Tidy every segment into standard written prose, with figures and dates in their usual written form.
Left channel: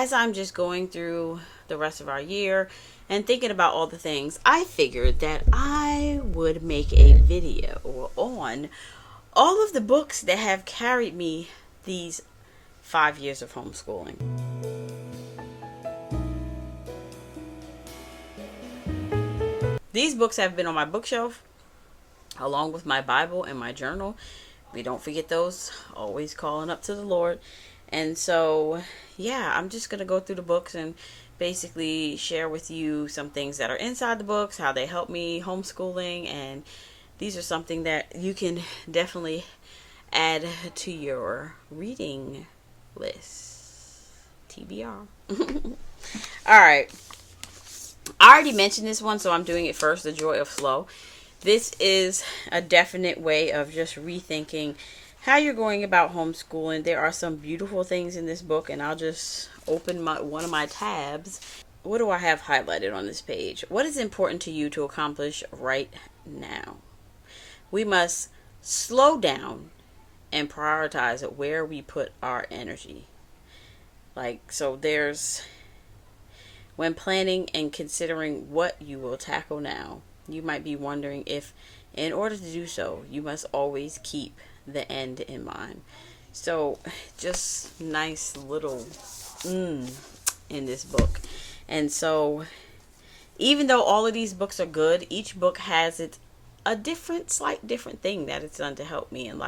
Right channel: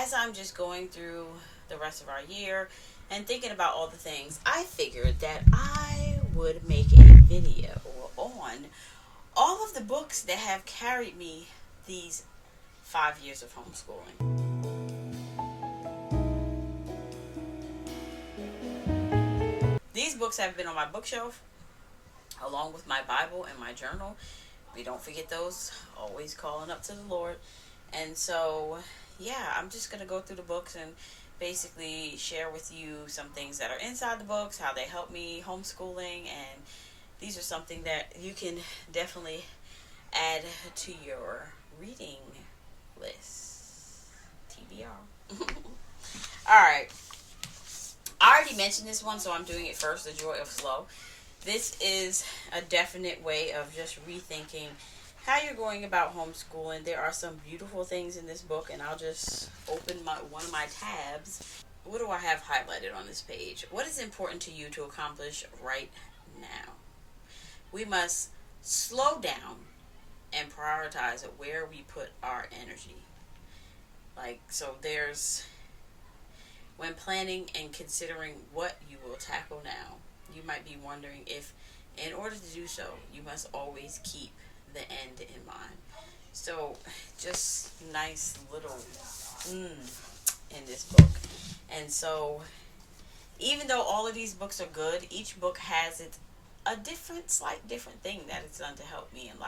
as I'm just going through the rest of our year and thinking about all the things, I figured that I would make a video on all of the books that have carried me these 5 years of homeschooling. These books have been on my bookshelf along with my Bible and my journal. We don't forget those, always calling up to the Lord. And so, yeah, I'm just going to go through the books and basically share with you some things that are inside the books, how they help me homeschooling, and these are something that you can definitely add to your reading list. TBR. Alright. I already mentioned this one, so I'm doing it first, The Joy of Slow. This is a definite way of just rethinking how you're going about homeschooling. There are some beautiful things in this book, and I'll just open one of my tabs. What do I have highlighted on this page? What is important to you to accomplish right now? We must slow down and prioritize where we put our energy. So there's, when planning and considering what you will tackle now, you might be wondering if, in order to do so, you must always keep the end in mind. So, just nice little in this book. And so, even though all of these books are good, each book has a slight different thing that it's done to help me. And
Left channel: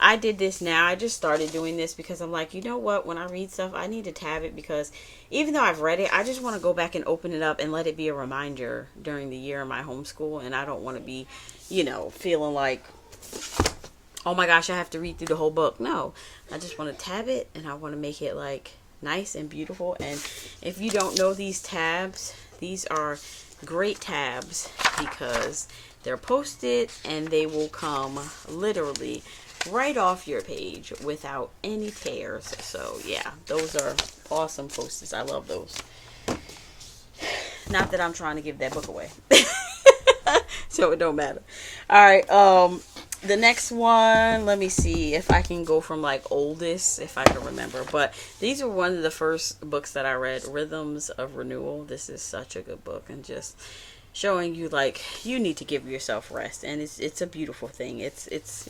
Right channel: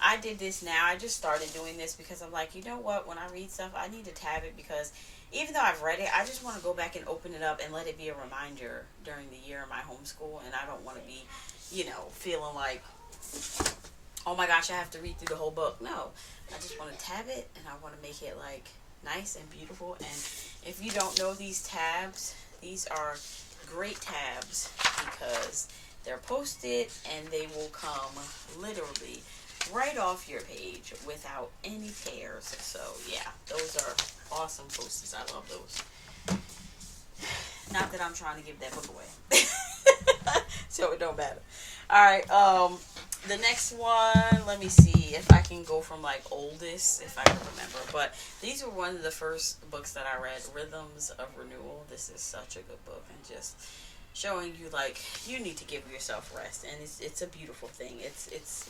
I did this now. I just started doing this because I'm like, you know what? When I read stuff, I need to tab it, because even though I've read it, I just want to go back and open it up and let it be a reminder during the year of my homeschool. And I don't want to be, feeling like, oh my gosh, I have to read through the whole book. No, I just want to tab it, and I want to make it nice and beautiful. And if you don't know these tabs, these are great tabs because they're posted and they will come literally right off your page without any tears. So yeah, those are awesome posters. I love those. Not that I'm trying to give that book away. So it don't matter. Alright, the next one, let me see if I can go from oldest, if I can remember. But these are one of the first books that I read, Rhythms of Renewal. This is such a good book, and just showing you you need to give yourself rest, and it's a beautiful thing. It's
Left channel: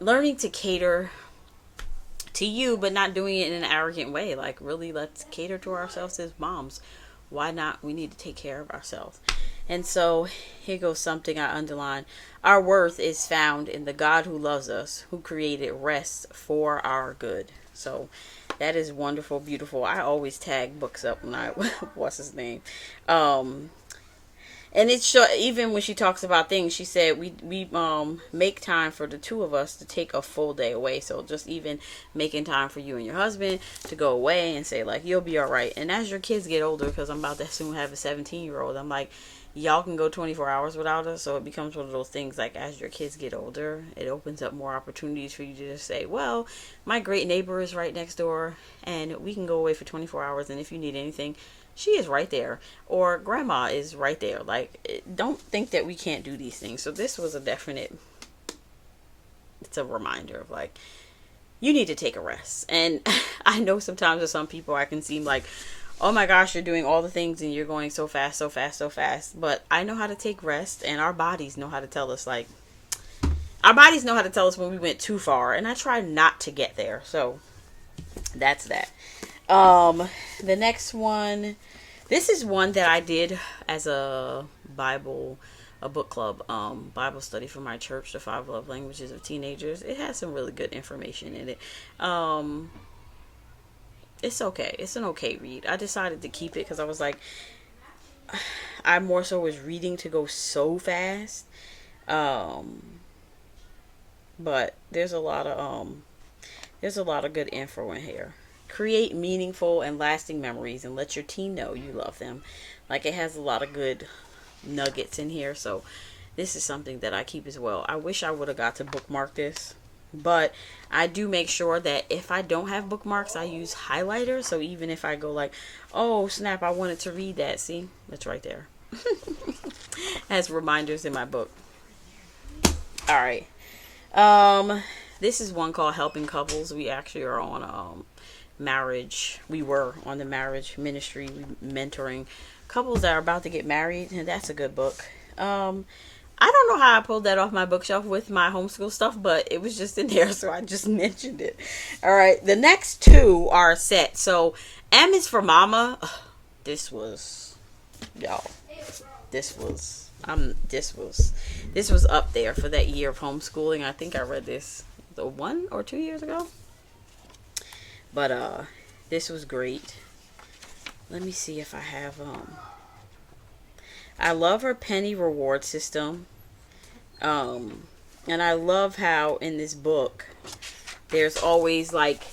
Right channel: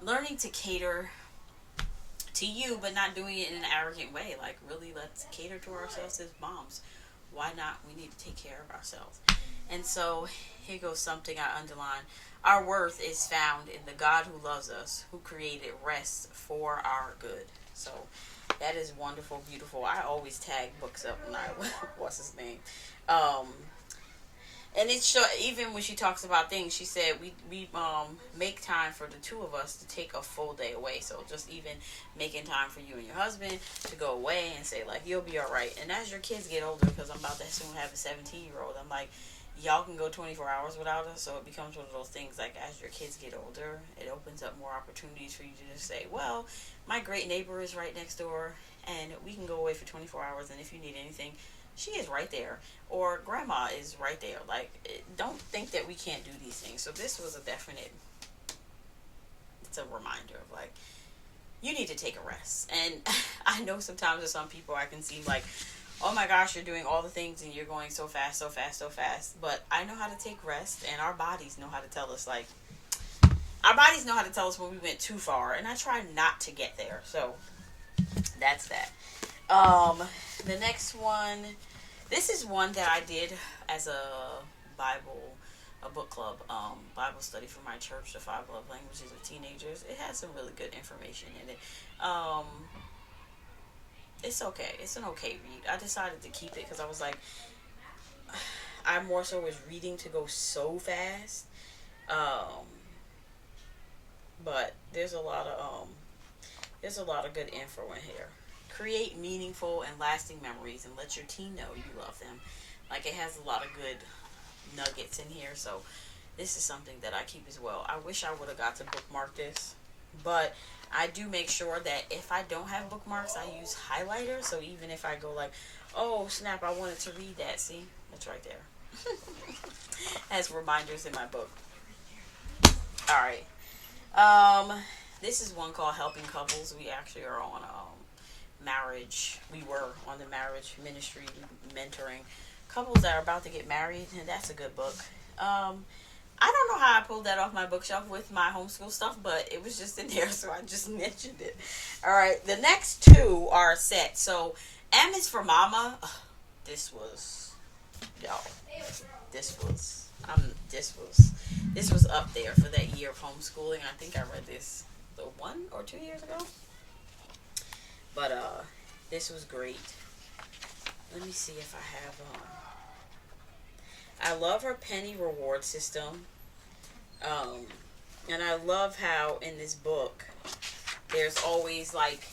learning to cater to you, but not doing it in an arrogant way. Really, let's cater to ourselves as moms. Why not? We need to take care of ourselves. And so here goes something I underline. Our worth is found in the God who loves us, who created rest for our good. So that is wonderful, beautiful. I always tag books up when what's his name? And it's even when she talks about things, she said we make time for the two of us to take a full day away. So just even making time for you and your husband to go away and say you'll be all right. And as your kids get older, because I'm about to soon have a 17-year-old, I'm y'all can go 24 hours without us. So it becomes one of those things as your kids get older, it opens up more opportunities for you to just say, well, my great neighbor is right next door and we can go away for 24 hours. And if you need anything, she is right there, or grandma is right there. Don't think that we can't do these things. So this was it's a reminder of you need to take a rest. And I know sometimes with some people I can seem oh my gosh, you're doing all the things and you're going so fast, so fast, so fast. But I know how to take rest, and our bodies know how to tell us when we went too far, and I try not to get there. So that's that. The next one, this is one that I did as a book club, Bible study for my church, the 5 Love Languages of Teenagers. It has some really good information in it. It's okay. It's an okay read. I decided to keep it because I was I more so was reading to go so fast. But there's a lot of good info in here. Create meaningful and lasting memories and let your teen know you love them. It has a lot of good nuggets in here. So this is something that I keep as well. I wish I would have got to bookmark this, but I do make sure that if I don't have bookmarks, I use highlighters. So even if I go oh snap, I wanted to read that. See, that's right there. Has reminders in my book. All right. This is one called Helping Couples. We actually are on marriage. We were on the marriage ministry, mentoring couples that are about to get married, and that's a good book. I don't know how I pulled that off my bookshelf with my homeschool stuff, but it was just in there, so I just mentioned it. All right, the next two are a set. So M is for Mama. Ugh, this was, y'all. This was up there for that year of homeschooling. I think I read this 1 or 2 years ago. But this was great. Let me see if I have I love her penny reward system. And I love how in this book there's always, like,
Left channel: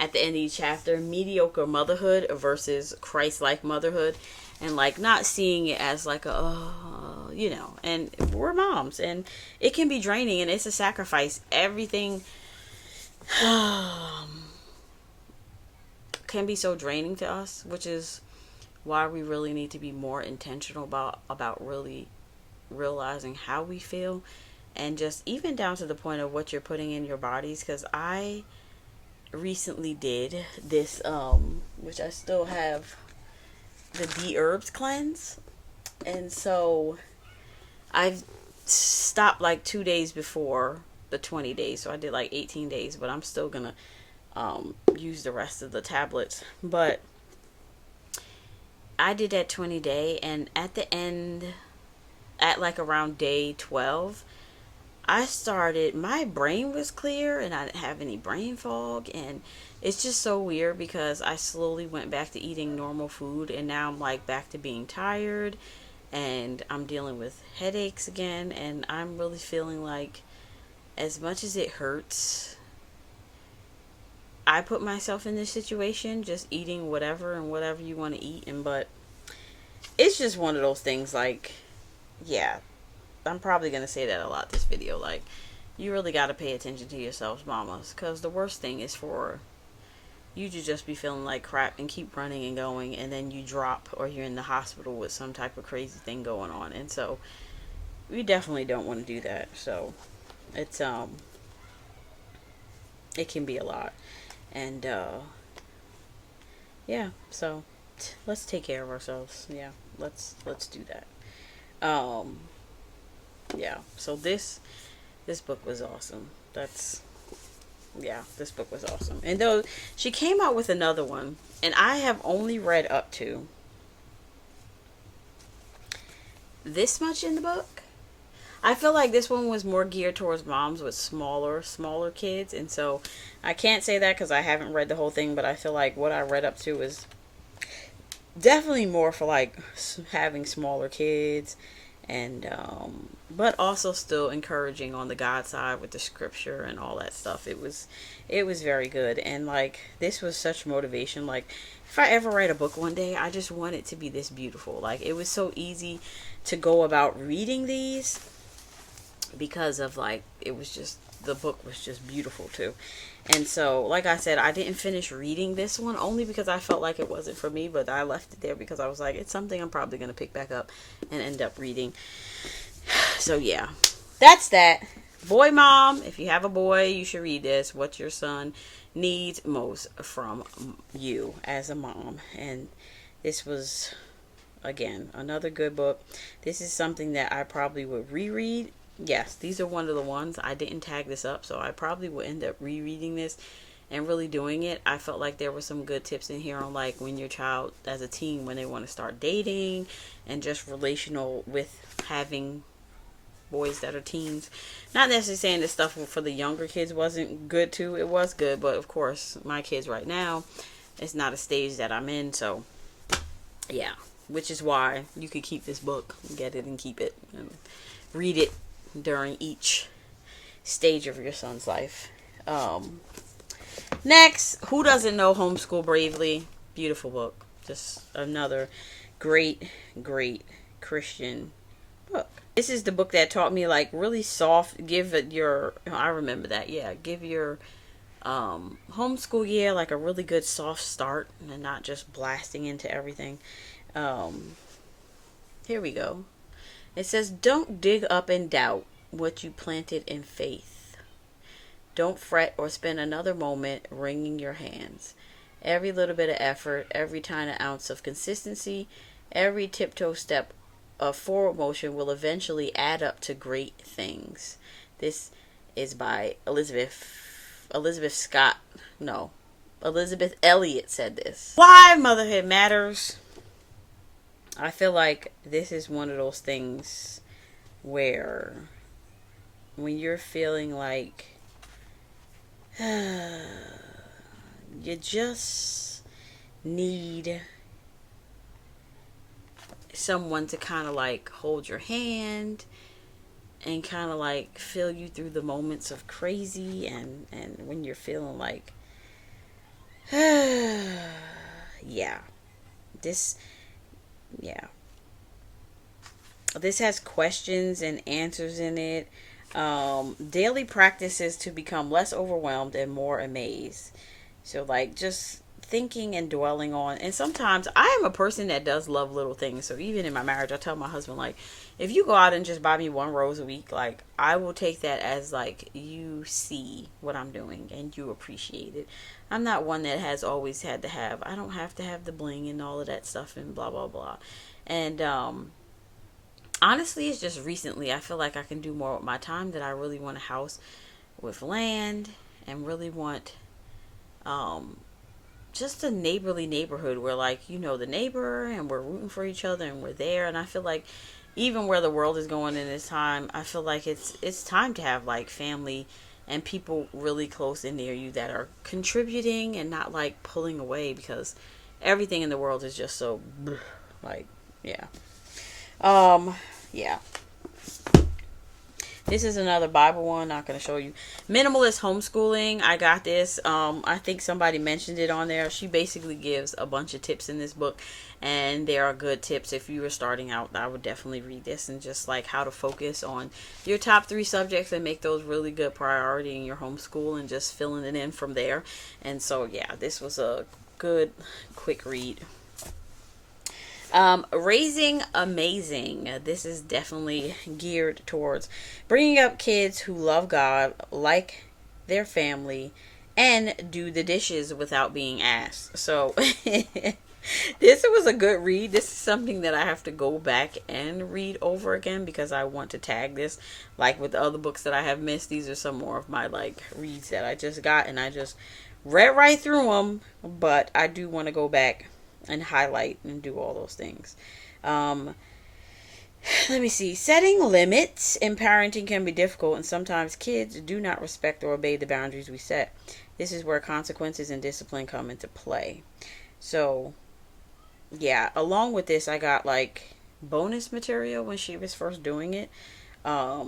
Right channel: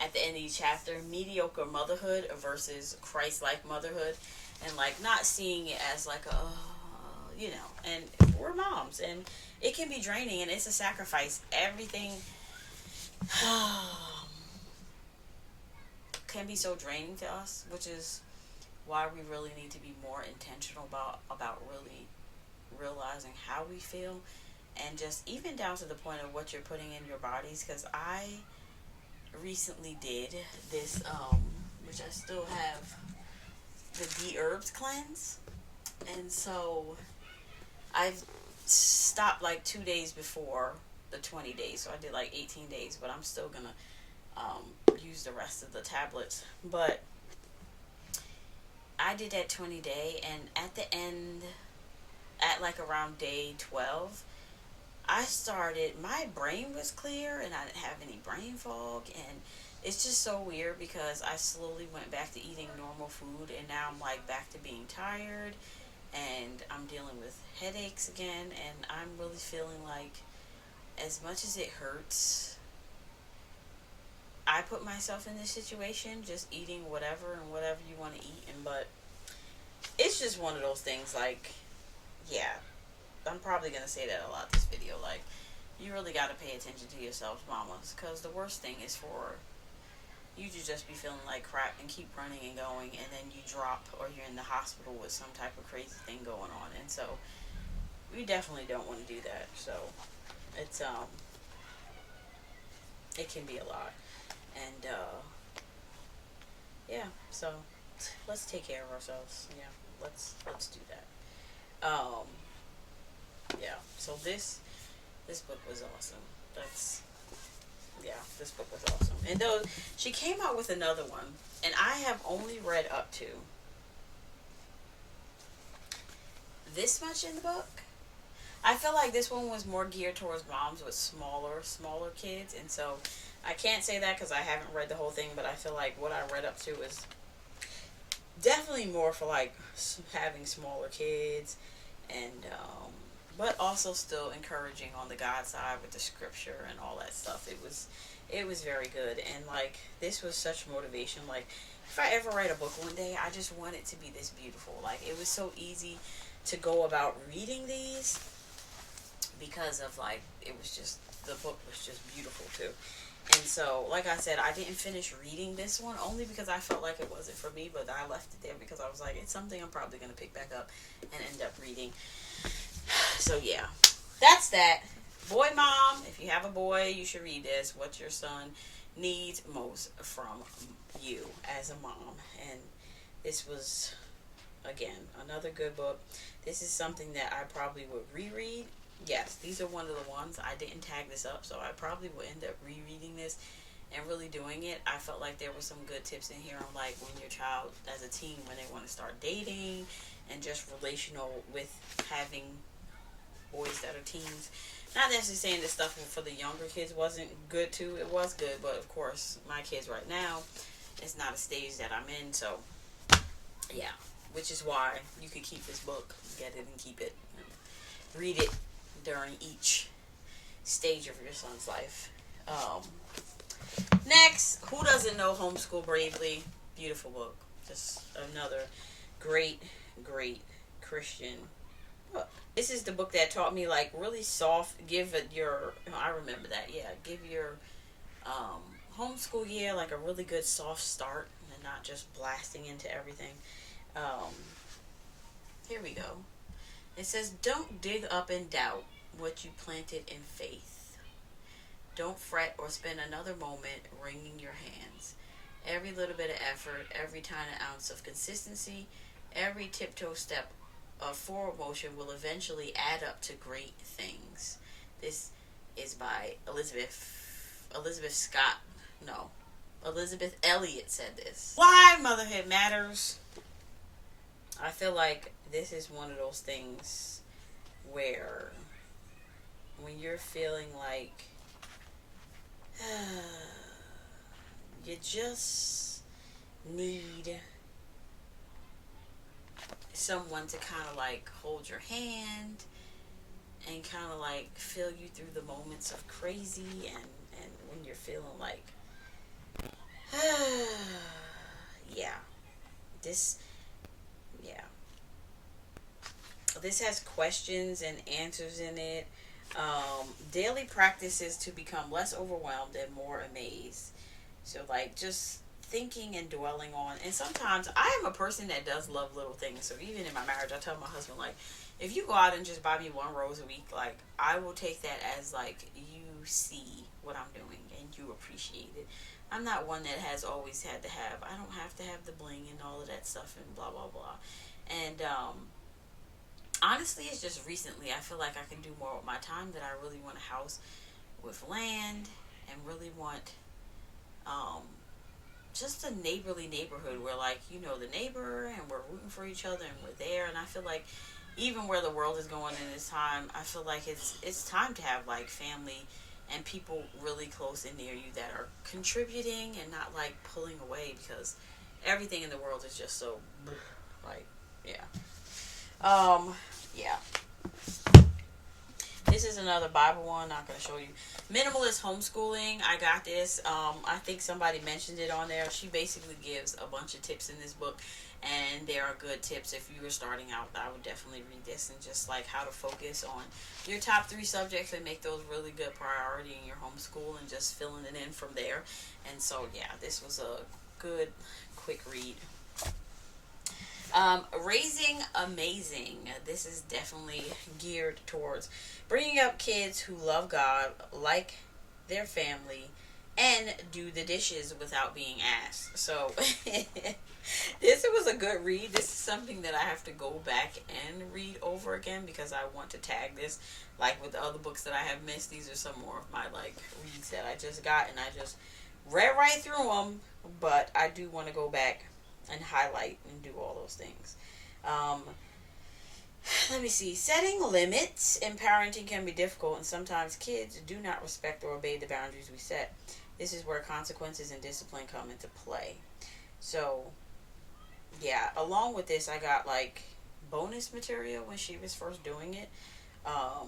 at the end of each chapter, mediocre motherhood versus Christ-like motherhood, and like not seeing it as like a and we're moms and it can be draining and it's a sacrifice. Everything can be so draining to us, which is why we really need to be more intentional about really realizing how we feel, and just even down to the point of what you're putting in your bodies. Because I recently did this which I still have, the D-Herbs cleanse, and so I've stopped like 2 days before the 20 days, so I did like 18 days, but I'm still gonna use the rest of the tablets. But I did that 20 day, and at the end, at like around day 12, my brain was clear and I didn't have any brain fog, and it's just so weird because I slowly went back to eating normal food, and now I'm like back to being tired, and I'm dealing with headaches again, and I'm really feeling like, as much as it hurts, I put myself in this situation, just eating whatever you want to eat, but it's just one of those things, like, yeah, I'm probably going to say that a lot this video, like, you really got to pay attention to yourselves, mamas, because the worst thing is for you to just be feeling like crap and keep running and going, and then you drop, or you're in the hospital with some type of crazy thing going on, and so we definitely don't want to do that. So it's it can be a lot, and yeah, so let's take care of ourselves. Yeah, let's do that. Yeah, so this book was awesome. This book was awesome. And though she came out with another one, and I have only read up to this much in the book. I feel like this one was more geared towards moms with smaller kids, and so I can't say that because I haven't read the whole thing, but I feel like what I read up to is definitely more for like having smaller kids, and but also still encouraging on the God side with the scripture and all that stuff. It was very good, and like this was such motivation. Like if I ever write a book one day, I just want it to be this beautiful. Like it was so easy to go about reading these because of like it was just, the book was just beautiful too. And so, like I said, I didn't finish reading this one only because I felt like it wasn't for me, but I left it there because I was like, it's something I'm probably going to pick back up and end up reading. So yeah, that's that. Boy mom, if you have a boy, you should read this. What your son needs most from you as a mom. And this was, again, another good book. This is something that I probably would reread. Yes, these are one of the ones. I didn't tag this up, so I probably will end up rereading this and really doing it. I felt like there were some good tips in here on like when your child as a teen, when they want to start dating, and just relational with having boys that are teens. Not necessarily saying this stuff for the younger kids wasn't good too. It was good, but of course my kids right now, it's not a stage that I'm in, so yeah, which is why you could keep this book, get it and keep it and read it during each stage of your son's life. Next, who doesn't know Homeschool Bravely? Beautiful book. Just another great Christian book. This is the book that taught me like really soft, give your homeschool year like a really good soft start and not just blasting into everything. Here we go. It says, don't dig up and doubt what you planted in faith. Don't fret or spend another moment wringing your hands. Every little bit of effort, every tiny ounce of consistency, every tiptoe step of forward motion will eventually add up to great things. This is by Elizabeth Scott. No, Elizabeth Elliot said this. Why motherhood matters. I feel like this is one of those things where when you're feeling like you just need someone to kind of like hold your hand and kind of like feel you through the moments of crazy, and when you're feeling like yeah, this yeah, this has questions and answers in it. Daily practices to become less overwhelmed and more amazed. So like just thinking and dwelling on, and sometimes I am a person that does love little things. So even in my marriage, I tell my husband, like, if you go out and just buy me one rose a week, like, I will take that as like you see what I'm doing and you appreciate it. I'm not one that has always had to have, I don't have to have the bling and all of that stuff and blah blah blah. And honestly, it's just recently I feel like I can do more with my time, that I really want a house with land and really want just a neighborly neighborhood where, like, you know the neighbor and we're rooting for each other and we're there. And I feel like even where the world is going in this time, I feel like it's time to have like family and people really close and near you that are contributing and not like pulling away, because everything in the world is just so like, yeah. Yeah. This is another Bible one. Not going to show you. Minimalist Homeschooling. I got this. I think somebody mentioned it on there. She basically gives a bunch of tips in this book, and they are good tips. If you were starting out, I would definitely read this, and just like how to focus on your top 3 subjects and make those really good priority in your homeschool, and just filling it in from there. And so, yeah, this was a good, quick read. Raising Amazing. This is definitely geared towards bringing up kids who love God, like their family, and do the dishes without being asked. So this was a good read. This is something that I have to go back and read over again, because I want to tag this. Like with the other books that I have missed, these are some more of my like reads that I just got, and I just read right through them. But I do want to go back and highlight and do all those things. Let me see. Setting limits in parenting can be difficult, and sometimes kids do not respect or obey the boundaries we set. This is where consequences and discipline come into play. So, yeah, along with this, I got like bonus material when she was first doing it. I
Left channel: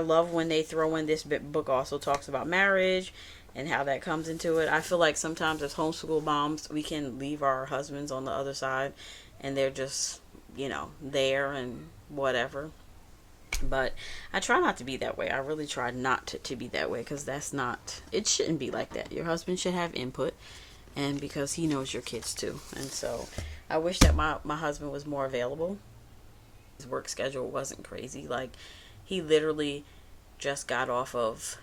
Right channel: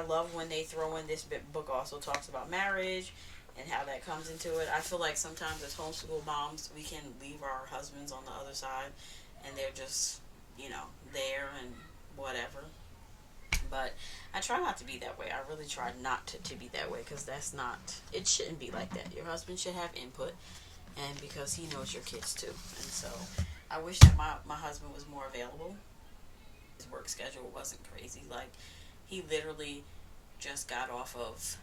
love when they throw in this book also talks about marriage and how that comes into it. I feel like sometimes as homeschool moms, we can leave our husbands on the other side and they're just, there and whatever. But I try not to be that way. I really try not to be that way, because it shouldn't be like that. Your husband should have input, and because he knows your kids too. And so I wish that my husband was more available. His work schedule wasn't crazy. Like, he literally just got off of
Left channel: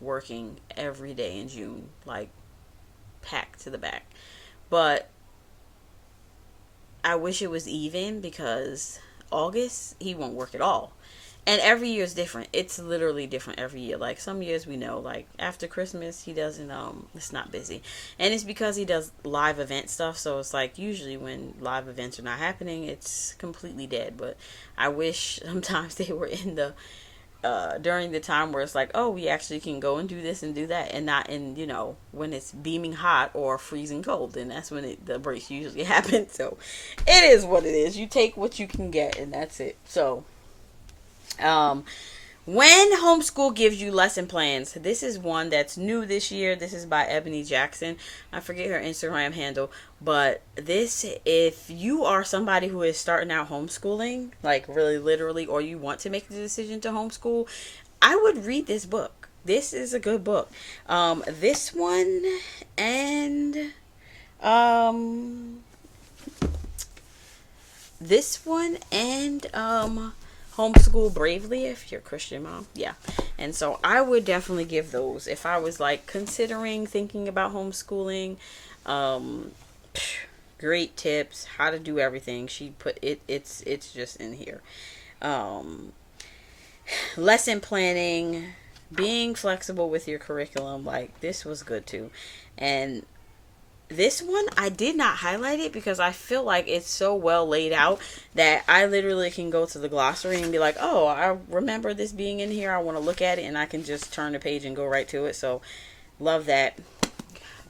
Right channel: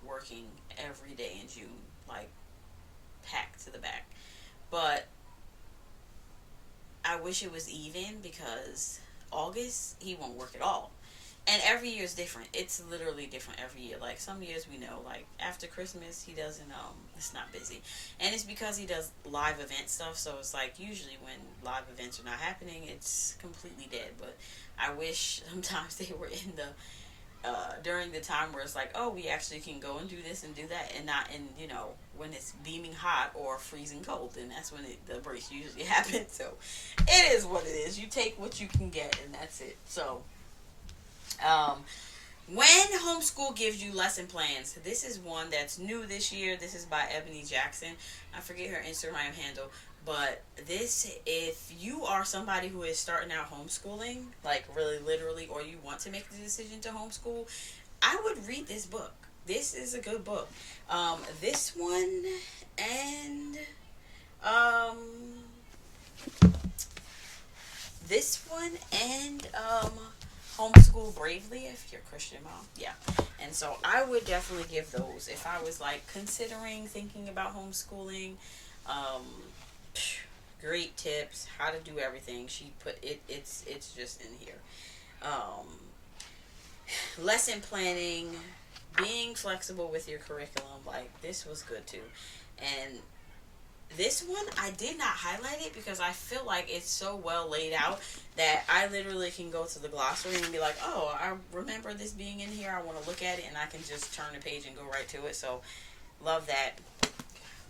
working every day in June, like packed to the back. But I wish it was even, because August he won't work at all. And every year is different. It's literally different every year. Like, some years we know, like after Christmas he doesn't it's not busy. And it's because he does live event stuff, so it's like usually when live events are not happening, it's completely dead. But I wish sometimes they were in the during the time where it's like, oh, we actually can go and do this and do that, and not in, when it's beaming hot or freezing cold, and that's when the breaks usually happen. So it is what it is. You take what you can get, and that's it. So when homeschool gives you lesson plans. This is one that's new this year. This is by Ebony Jackson. I forget her Instagram handle, but if you are somebody who is starting out homeschooling, like really literally, or you want to make the decision to homeschool, I would read this book. This is a good book. This one and Homeschool Bravely if you're a Christian mom. Yeah. And so I would definitely give those if I was like considering thinking about homeschooling. Um, Great tips, how to do everything. She put it, it's just in here. Um, Lesson planning, being flexible with your curriculum, like this was good too. And this one I did not highlight it because I feel like it's so well laid out that I literally can go to the glossary and be like, oh, I remember this being in here, I want to look at it, and I can just turn the page and go right to it. So love that.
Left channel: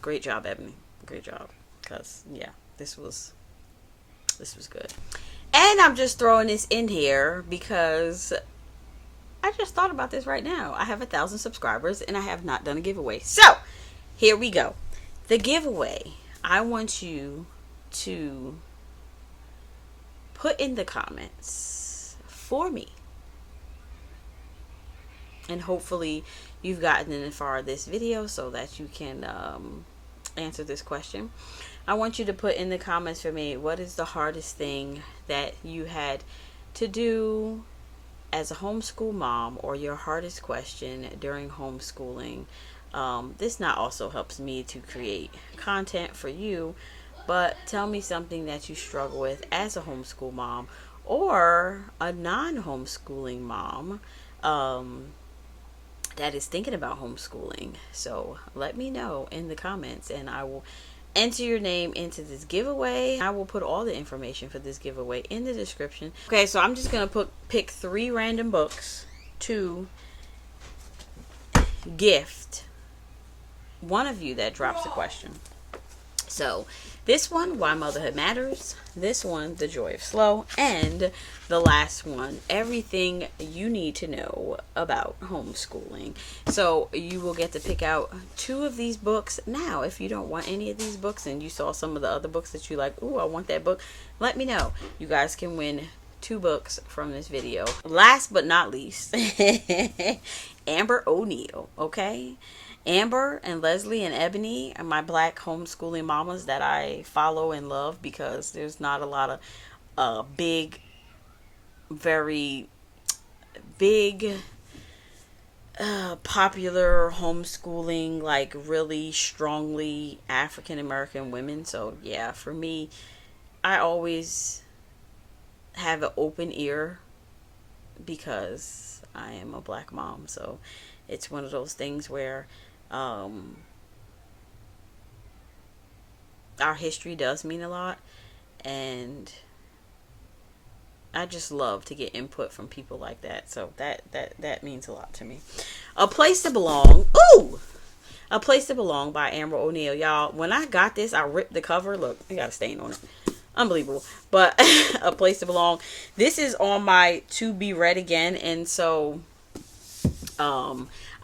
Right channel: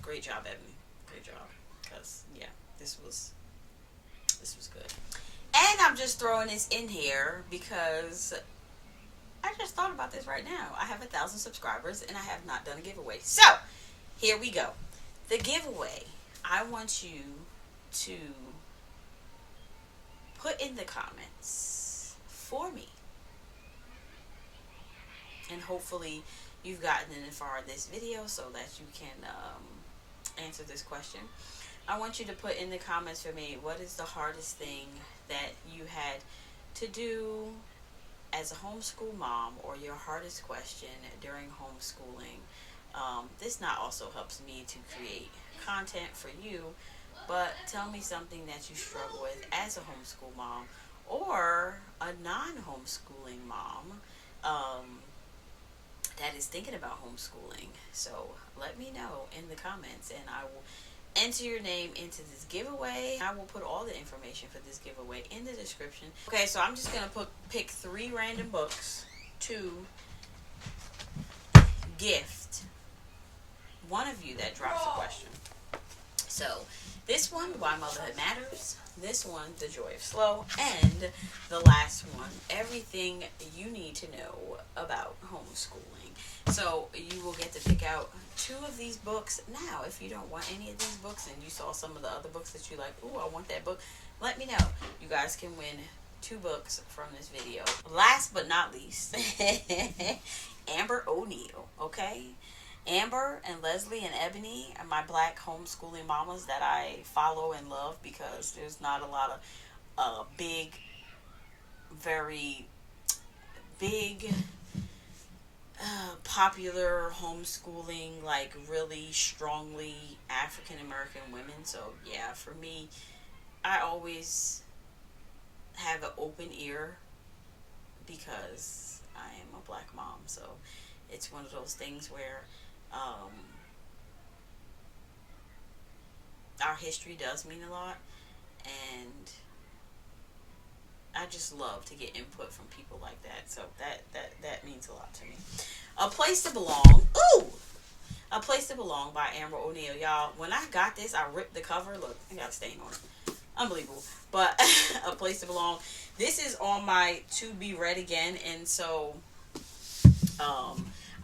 Great job, Ebony. Great job. Because yeah, this was good. And I'm just throwing this in here because I just thought about this right now. I have 1,000 subscribers and I have not done a giveaway. So here we go. The giveaway. I want you to put in the comments for me. And hopefully you've gotten as far this video so that you can answer this question. I want you to put in the comments for me, what is the hardest thing that you had to do as a homeschool mom, or your hardest question during homeschooling. This not also helps me to create content for you, but tell me something that you struggle with as a homeschool mom or a non-homeschooling mom that is thinking about homeschooling. So let me know in the comments and I will enter your name into this giveaway. I will put all the information for this giveaway in the description. Okay, so I'm just gonna pick 3 random books to gift one of you that drops a question. So this one, Why Motherhood Matters. This one, The Joy of Slow. And the last one, Everything You Need to Know About Homeschooling. So you will get to pick out 2 of these books. Now, if you don't want any of these books and you saw some of the other books that you like, ooh, I want that book, let me know. You guys can win 2 books from this video. Last but not least, Amber O'Neil, okay? Amber and Leslie and Ebony are my black homeschooling mamas that I follow and love because there's not a lot of very big popular homeschooling, like really strongly African American women. So yeah, for me, I always have an open ear because I am a black mom. So it's one of those things where our history does mean a lot, and I just love to get input from people like that. So that means a lot to me. A Place to Belong. Ooh! A Place to Belong by Amber O'Neil. Y'all, when I got this, I ripped the cover. Look, I got a stain on it. Unbelievable. But A Place to Belong. This is on my to be read again, and so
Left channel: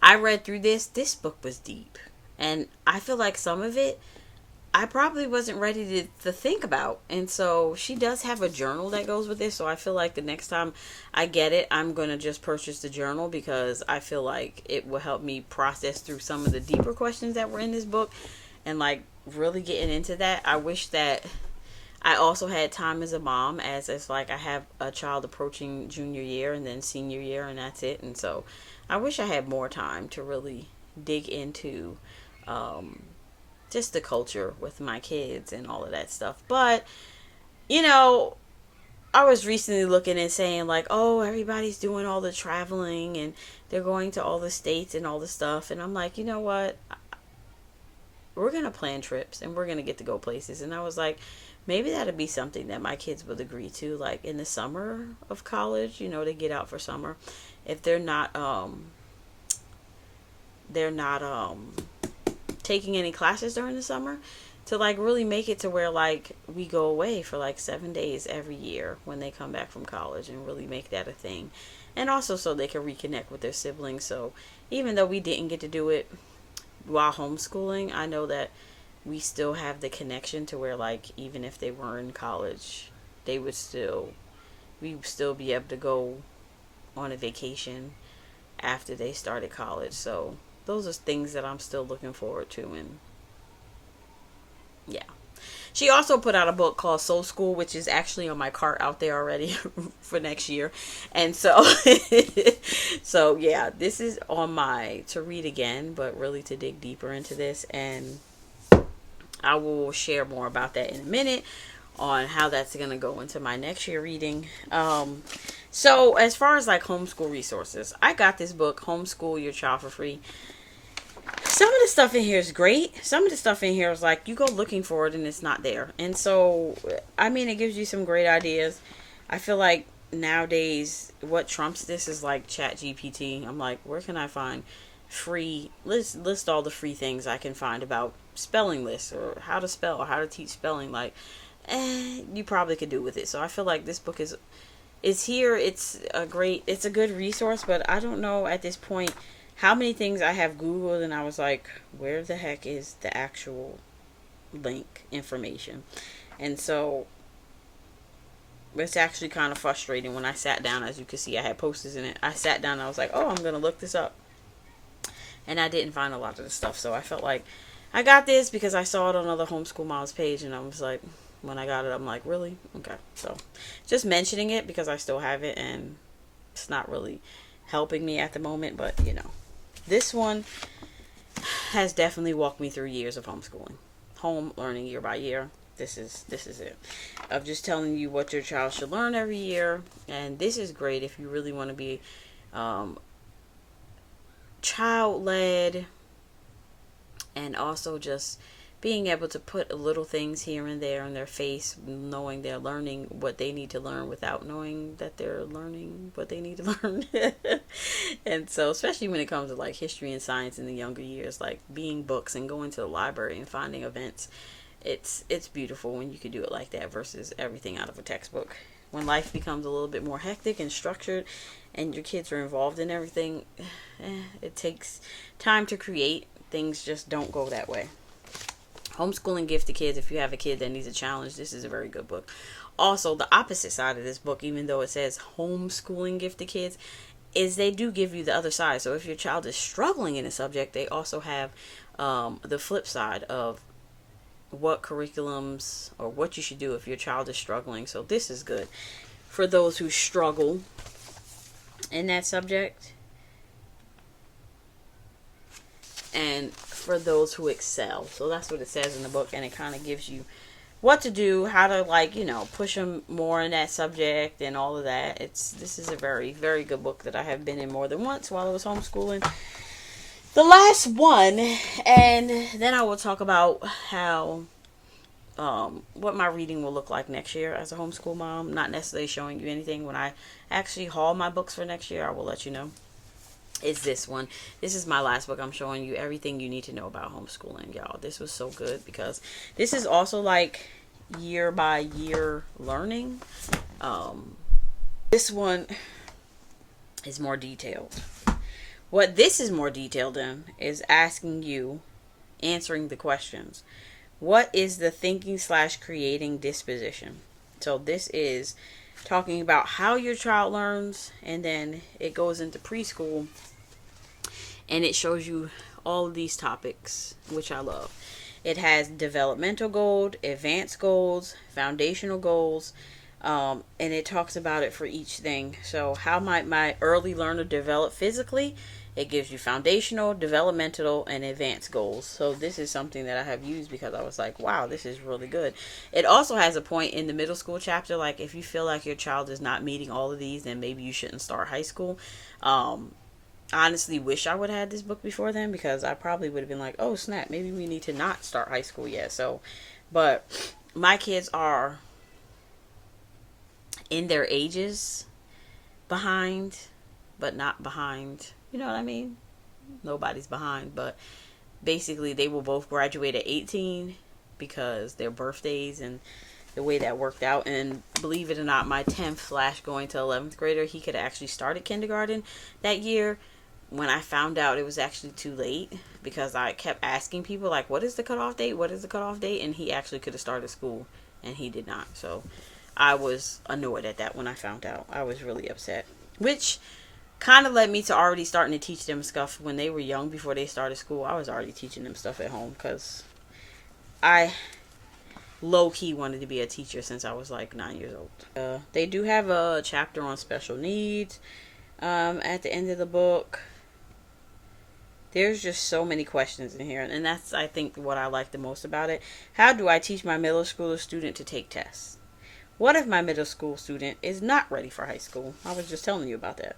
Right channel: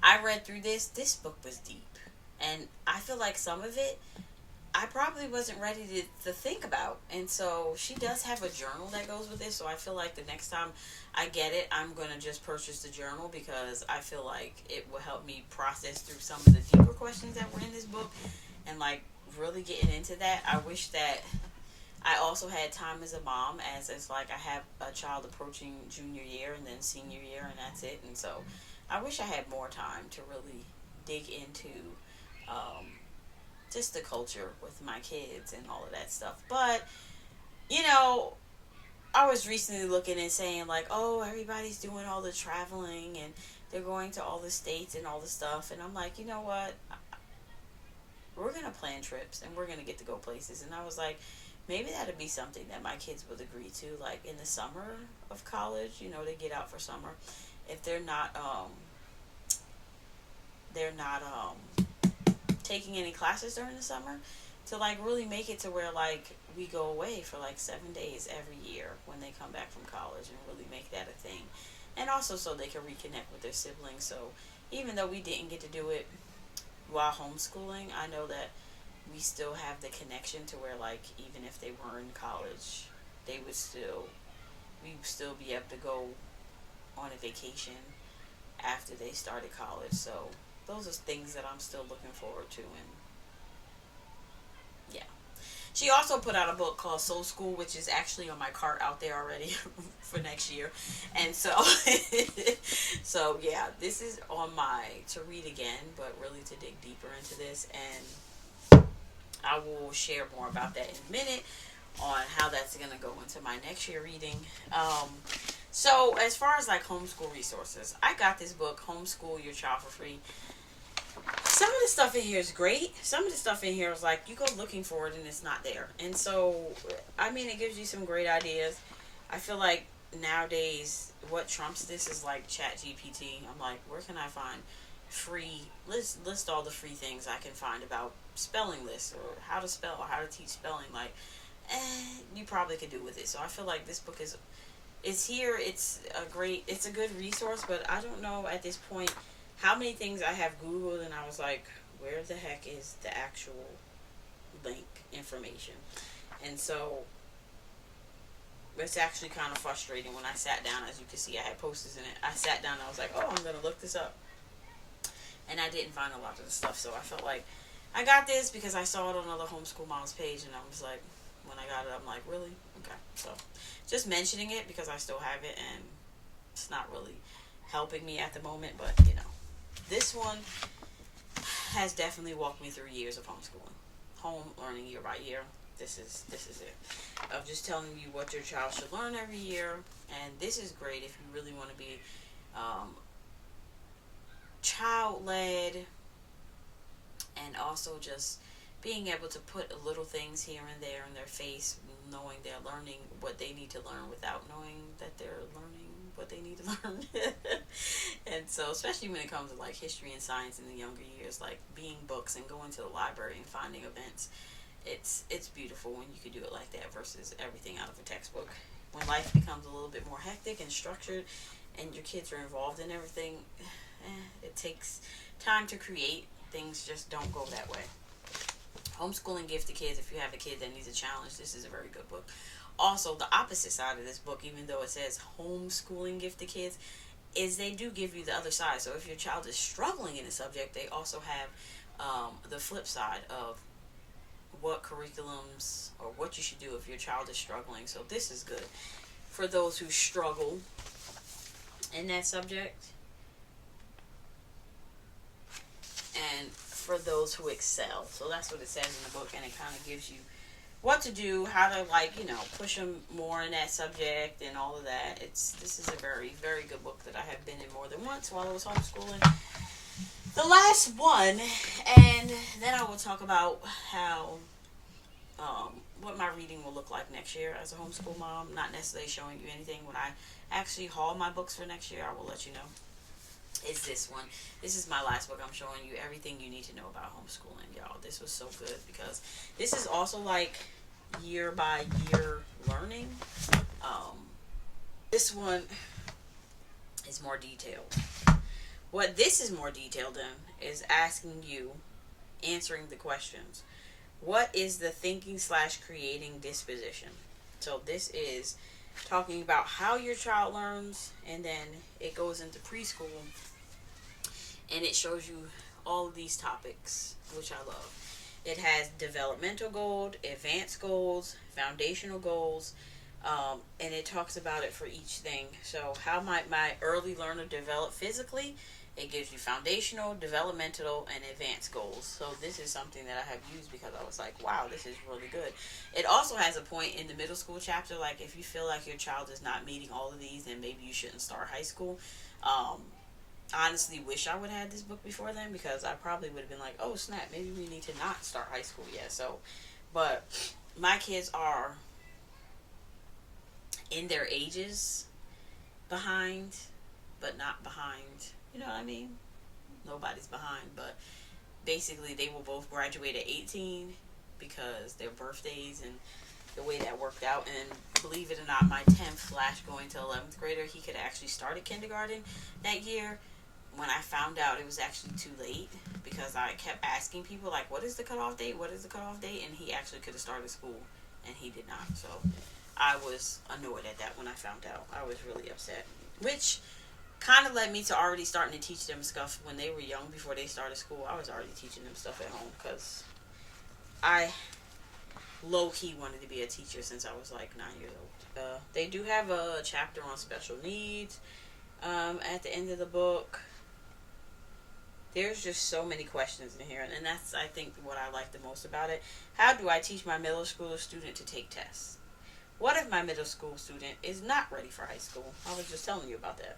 I read through this. This book was deep. And I feel like some of it I probably wasn't ready to think about. And so she does have a journal that goes with this. So I feel like the next time I get it, I'm going to just purchase the journal because I feel like it will help me process through some of the deeper questions that were in this book and like really getting into that. I wish that I also had time as a mom, as it's like I have a child approaching junior year and then senior year, and that's it. And so I wish I had more time to really dig into just the culture with my kids and all of that stuff. But, you know, I was recently looking and saying like, oh, everybody's doing all the traveling and they're going to all the states and all the stuff. And I'm like, you know what? We're going to plan trips and we're going to get to go places. And I was like, maybe that'd be something that my kids would agree to, like in the summer of college, you know, to get out for summer. If they're not taking any classes during the summer, to like really make it to where like we go away for like 7 days every year when they come back from college and really make that a thing. And also so they can reconnect with their siblings. So even though we didn't get to do it while homeschooling, I know that we still have the connection to where like even if they were in college, we would still be able to go on a vacation after they started college. So those are things that I'm still looking forward to. And yeah, She also put out a book called Soul School, which is actually on my cart out there already for next year. And so, so yeah, this is on my to read again, but really to dig deeper into this. And I will share more about that in a minute on how that's going to go into my next year reading. So as far as like homeschool resources, I got this book, Homeschool Your Child for Free. Some of the stuff in here is great. Some of the stuff in here is like you go looking for it and it's not there. And so, I mean, it gives you some great ideas. I feel like nowadays what trumps this is like ChatGPT. I'm like, where can I find free list all the free things I can find about spelling lists or how to spell or how to teach spelling. Like, you probably could do with it. So I feel like this book is here. It's a good resource, but I don't know at this point how many things I have Googled and I was like, where the heck is the actual link information? And so it's actually kind of frustrating when I sat down. As you can see, I had posters in it. I sat down and I was like, oh, I'm going to look this up. And I didn't find a lot of the stuff. So I felt like I got this because I saw it on other Homeschool Moms page. And I was like, when I got it, I'm like, really? Okay. So just mentioning it because I still have it. And it's not really helping me at the moment. But, you know. This one has definitely walked me through years of homeschooling. Home learning year by year. This is it. Of just telling you what your child should learn every year. And this is great if you really want to be child-led and also just being able to put little things here and there in their face, knowing they're learning what they need to learn without knowing that they're learning what they need to learn. And so, especially when it comes to like history and science in the younger years, like being books and going to the library and finding events, it's beautiful when you can do it like that versus everything out of a textbook. When life becomes a little bit more hectic and structured and your kids are involved in everything, it takes time to create. Things just don't go that way. Homeschooling Gift to Kids. If you have a kid that needs a challenge, this is a very good book. Also, the opposite side of this book, even though it says Homeschooling Gift to Kids, is they do give you the other side. So if your child is struggling in a subject, they also have the flip side of what curriculums or what you should do if your child is struggling. So this is good for those who struggle in that subject and for those who excel. So that's what it says in the book, and it kind of gives you what to do, how to, like, you know, push them more in that subject and all of that. This is a very, very good book that I have been in more than once while I was homeschooling. The last one, and then I will talk about how what my reading will look like next year as a homeschool mom. Not necessarily showing you anything. When I actually haul my books for next year, I will let you know. Is this one. This is my last book. I'm showing you everything you need to know about homeschooling, y'all. This was so good because this is also like year by year learning. This one is more detailed. What this is more detailed in is asking you, answering the questions. What is the thinking/creating disposition? So this is talking about how your child learns, and then it goes into preschool and it shows you all of these topics, which I love. It has developmental goals, advanced goals, foundational goals, and it talks about it for each thing. So how might my early learner develop physically? It gives you foundational, developmental, and advanced goals. So this is something that I have used because I was like, wow, this is really good. It also has a point in the middle school chapter, like if you feel like your child is not meeting all of these, then maybe you shouldn't start high school. I honestly wish I would have had this book before then, because I probably would have been like, oh snap, maybe we need to not start high school yet. So, but my kids are in their ages behind, but not behind. You know what I mean? Nobody's behind, but basically they will both graduate at 18 because their birthdays and the way that worked out. And believe it or not, my 10th / going to 11th grader, he could actually start at kindergarten that year. When I found out it was actually too late, because I kept asking people like, what is the cutoff date? What is the cutoff date? And he actually could have started school and he did not. So I was annoyed at that when I found out. I was really upset, which kind of led me to already starting to teach them stuff when they were young. Before they started school, I was already teaching them stuff at home, because I low-key wanted to be a teacher since I was like 9 years old. They do have a chapter on special needs at the end of the book. There's just so many questions in here, and that's, I think, what I like the most about it. How do I teach my middle school student to take tests? What if my middle school student is not ready for high school? I was just telling you about that.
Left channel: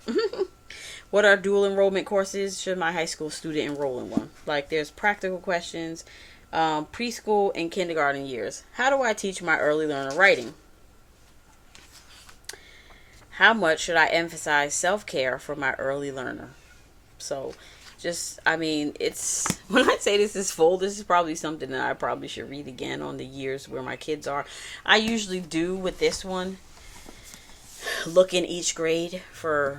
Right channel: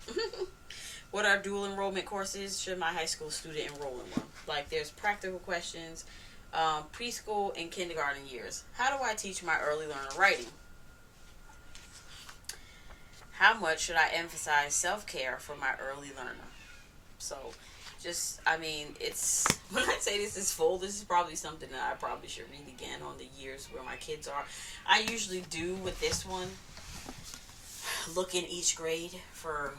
What are dual enrollment courses? Should my high school student enroll in one? Like, there's practical questions, preschool and kindergarten years. How do I teach my early learner writing? How much should I emphasize self-care for my early learner? So, it's, when I say this is full, this is probably something that I probably should read again on the years where my kids are. I usually do with this one, look in each grade for,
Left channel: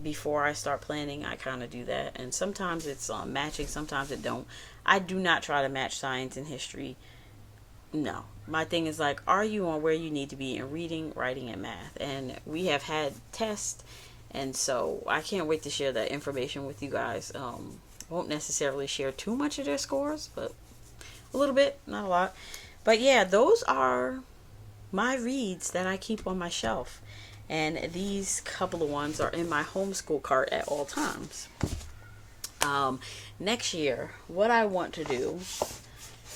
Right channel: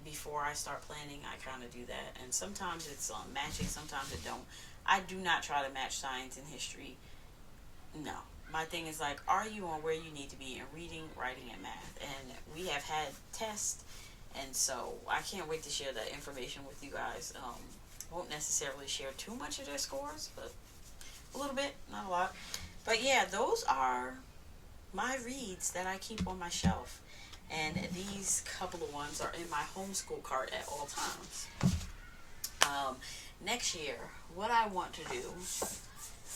before I start planning, I kind of do that. And sometimes it's matching, sometimes it don't. I do not try to match science and history. No. My thing is like, are you on where you need to be in reading, writing, and math? And we have had tests. And so I can't wait to share that information with you guys. Won't necessarily share too much of their scores, but a little bit, not a lot. But yeah, those are my reads that I keep on my shelf. And these couple of ones are in my homeschool cart at all times. Next year, what I want to do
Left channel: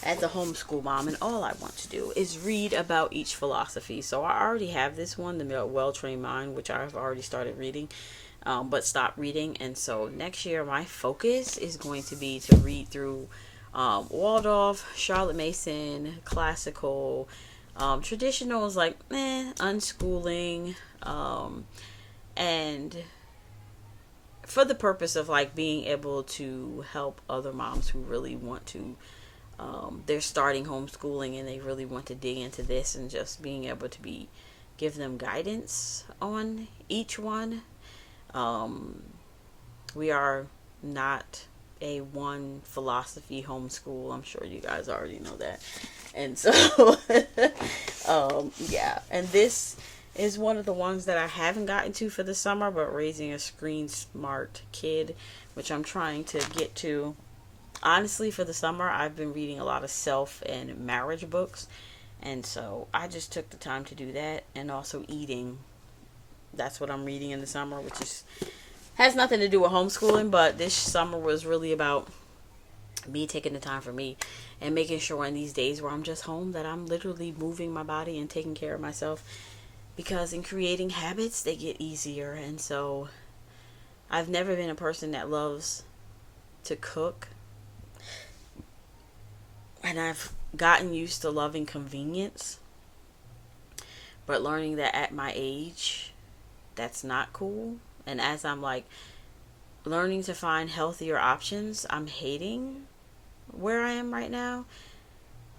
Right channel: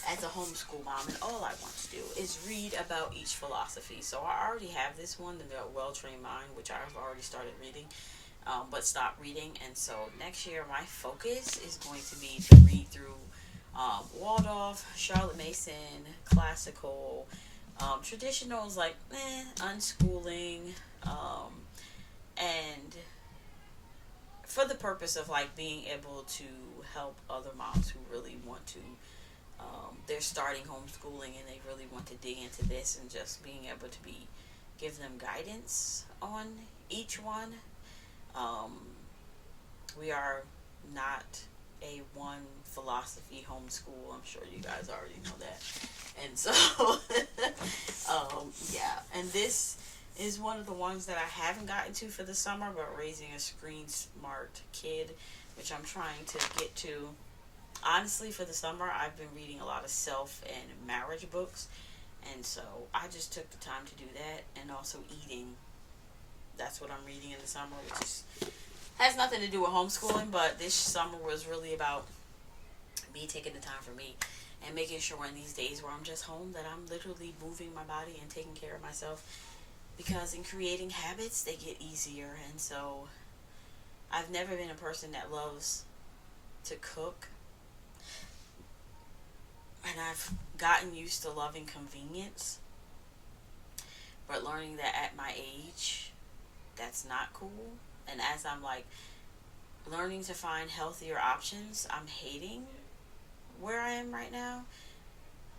as a homeschool mom, and all I want to do, is read about each philosophy. So I already have this one, The Well-Trained Mind, which I've already started reading, but stopped reading. And so next year, my focus is going to be to read through Waldorf, Charlotte Mason, classical, traditional is like, unschooling, and for the purpose of like being able to help other moms who really want to, they're starting homeschooling and they really want to dig into this, and just being able to give them guidance on each one. We are not a one philosophy homeschool. I'm sure you guys already know that. And so, yeah. And this is one of the ones that I haven't gotten to for the summer, but raising a screen smart kid, which I'm trying to get to. Honestly, for the summer, I've been reading a lot of self and marriage books. And so I just took the time to do that. And also eating. That's what I'm reading in the summer, which has nothing to do with homeschooling, but this summer was really about me taking the time for me and making sure in these days where I'm just home that I'm literally moving my body and taking care of myself, because in creating habits, they get easier. And so I've never been a person that loves to cook, and I've gotten used to loving convenience, but learning that at my age, that's not cool. And as I'm like learning to find healthier options, I'm hating where I am right now.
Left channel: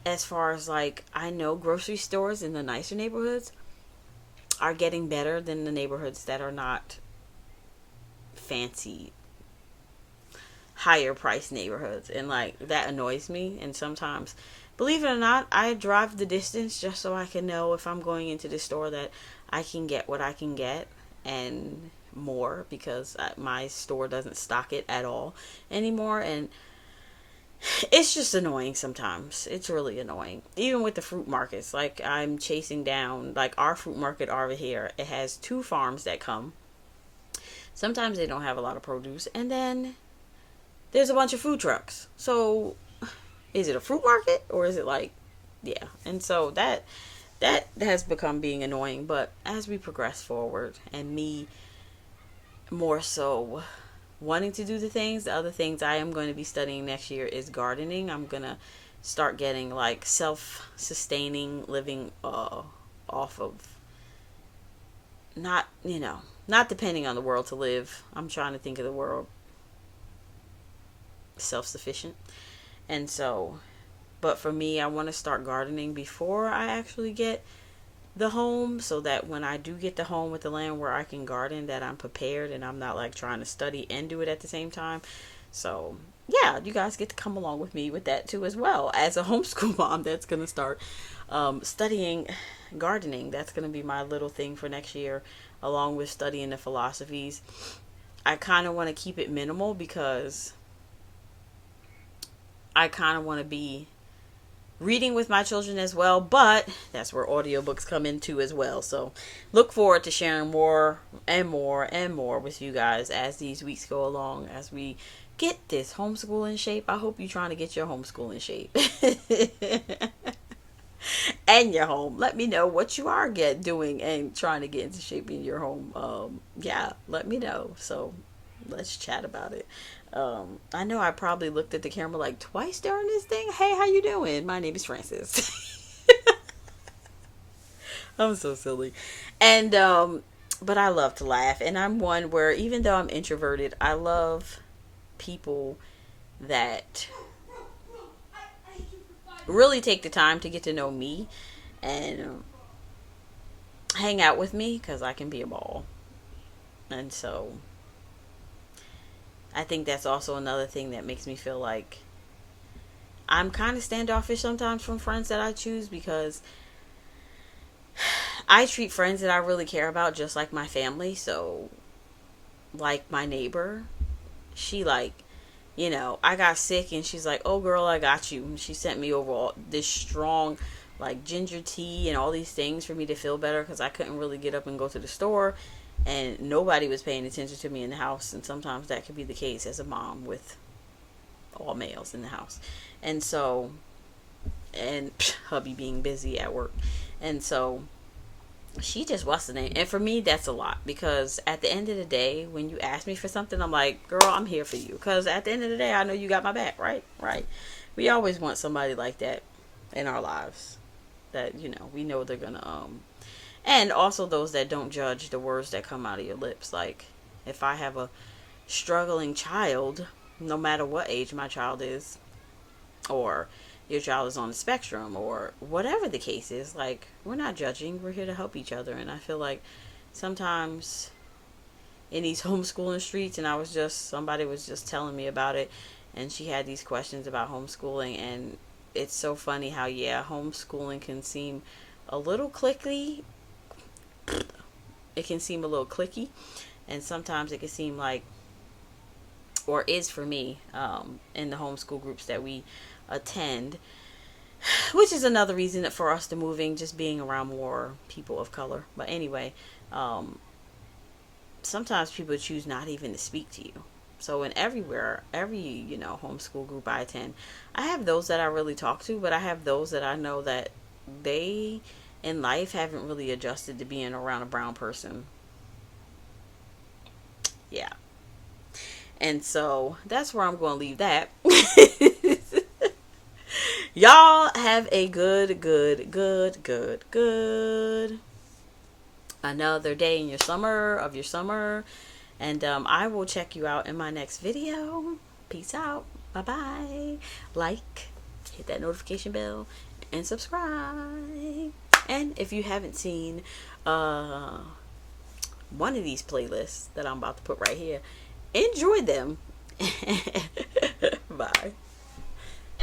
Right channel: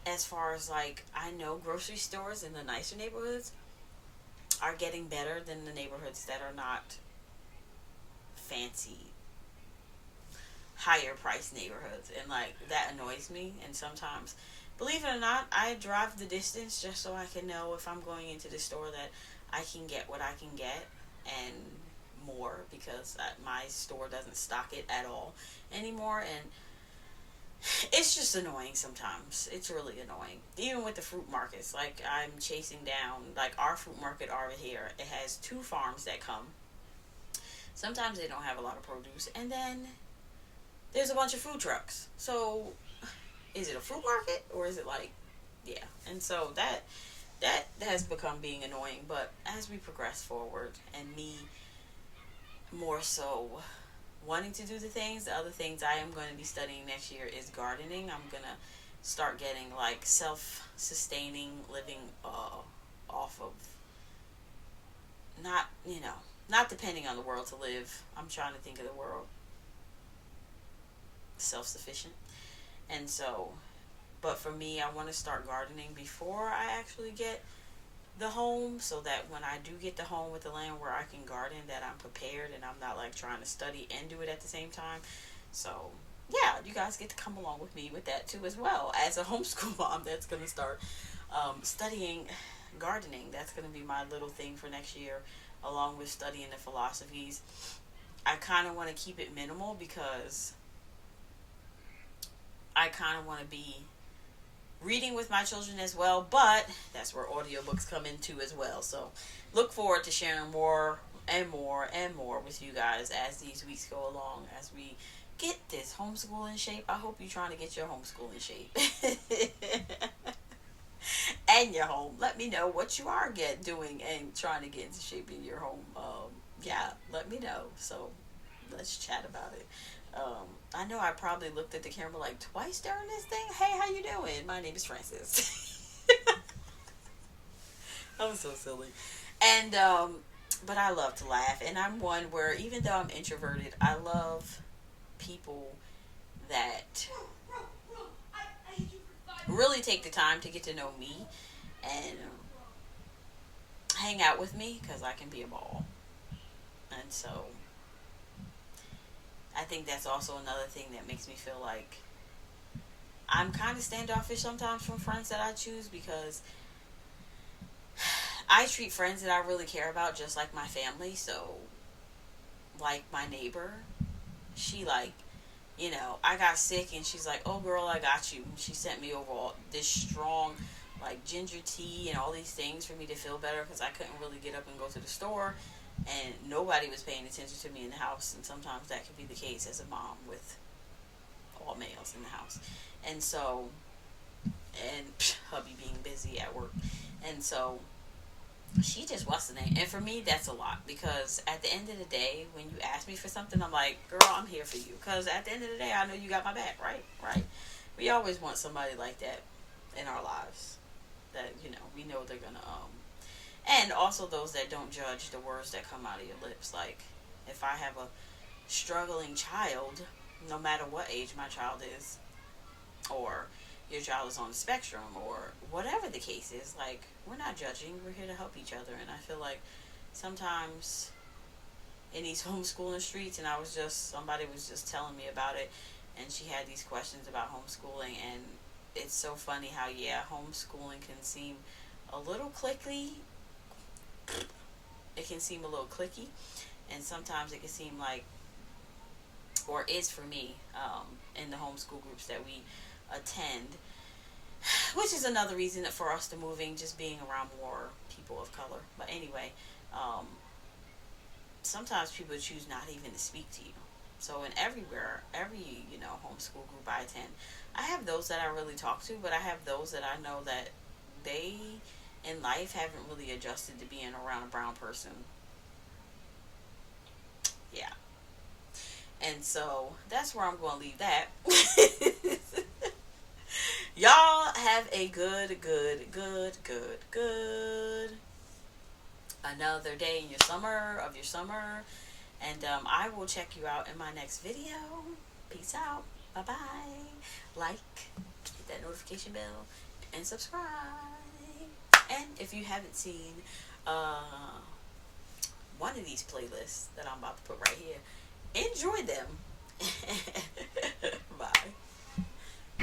As far as like, I know grocery stores in the nicer neighborhoods are getting better than the neighborhoods that are not fancy, higher price neighborhoods. And like, that annoys me. And sometimes, believe it or not, I drive the distance just so I can know if I'm going into the store that I can get what I can get and more, because my store doesn't stock it at all anymore. And it's just annoying sometimes. It's really annoying. Even with the fruit markets, like I'm chasing down, like our fruit market over here, it has 2 farms that come. Sometimes they don't have a lot of produce, and then there's a bunch of food trucks. So is it a fruit market, or is it like, yeah. And so that has become being annoying. But as we progress forward, and me more so wanting to do the other things I am going to be studying next year is gardening. I'm going to start getting like self-sustaining living off of not depending on the world to live. I'm trying to think of the world self-sufficient. And so, but for me, I want to start gardening before I actually get the home, so that when I do get the home with the land where I can garden, that I'm prepared and I'm not like trying to study and do it at the same time. So yeah, you guys get to come along with me with that too as well. As a homeschool mom that's going to start studying gardening, that's going to be my little thing for next year, along with studying the philosophies. I kind of want to keep it minimal, because I kind of want to be reading with my children as well, but that's where audiobooks come into as well. So look forward to sharing more and more and more with you guys as these weeks go along, as we get this homeschool in shape. I hope you're trying to get your homeschool in shape. And your home. Let me know what you are doing and trying to get into shape in your home. Yeah, let me know. So let's chat about it. I know I probably looked at the camera like twice during this thing. Hey, how you doing? My name is Francis. I'm so silly. And but I love to laugh, and I'm one where, even though I'm introverted, I love people that really take the time to get to know me and hang out with me, because I can be a ball. And so I think that's also another thing that makes me feel like I'm kind of standoffish sometimes from friends that I choose, because I treat friends that I really care about just like my family. So, like my neighbor, she I got sick and she's like, "Oh girl, I got you." And she sent me over all this strong like ginger tea and all these things for me to feel better, because I couldn't really get up and go to the store, and nobody was paying attention to me in the house. And sometimes that could be the case as a mom with all males in the house. And so, and hubby being busy at work. And so she just wasn't it. And for me, that's a lot, because at the end of the day, when you ask me for something, I'm like, girl, I'm here for you. Because at the end of the day, I know you got my back, right? Right. We always want somebody like that in our lives, that, we know they're going to, and also those that don't judge the words that come out of your lips. Like, if I have a struggling child, no matter what age my child is, or your child is on the spectrum, or whatever the case is, like, we're not judging, we're here to help each other. And I feel like sometimes in these homeschooling streets, and somebody was just telling me about it, and she had these questions about homeschooling, and it's so funny how, homeschooling can seem a little clicky. It can seem a little clicky, and sometimes it can seem like, or is for me, in the homeschool groups that we attend, which is another reason for us to moving, just being around more people of color. But anyway, sometimes people choose not even to speak to you. So in every homeschool group I attend, I have those that I really talk to, but I have those that I know that they in life haven't really adjusted to being around a brown person. Yeah. And so that's where I'm going to leave that. Y'all have a good another day in your summer. And I will check you out in my next video. Peace out. Bye-bye. Like, hit that notification bell, and subscribe. And if you haven't seen one of these playlists that I'm about to put right here, enjoy them.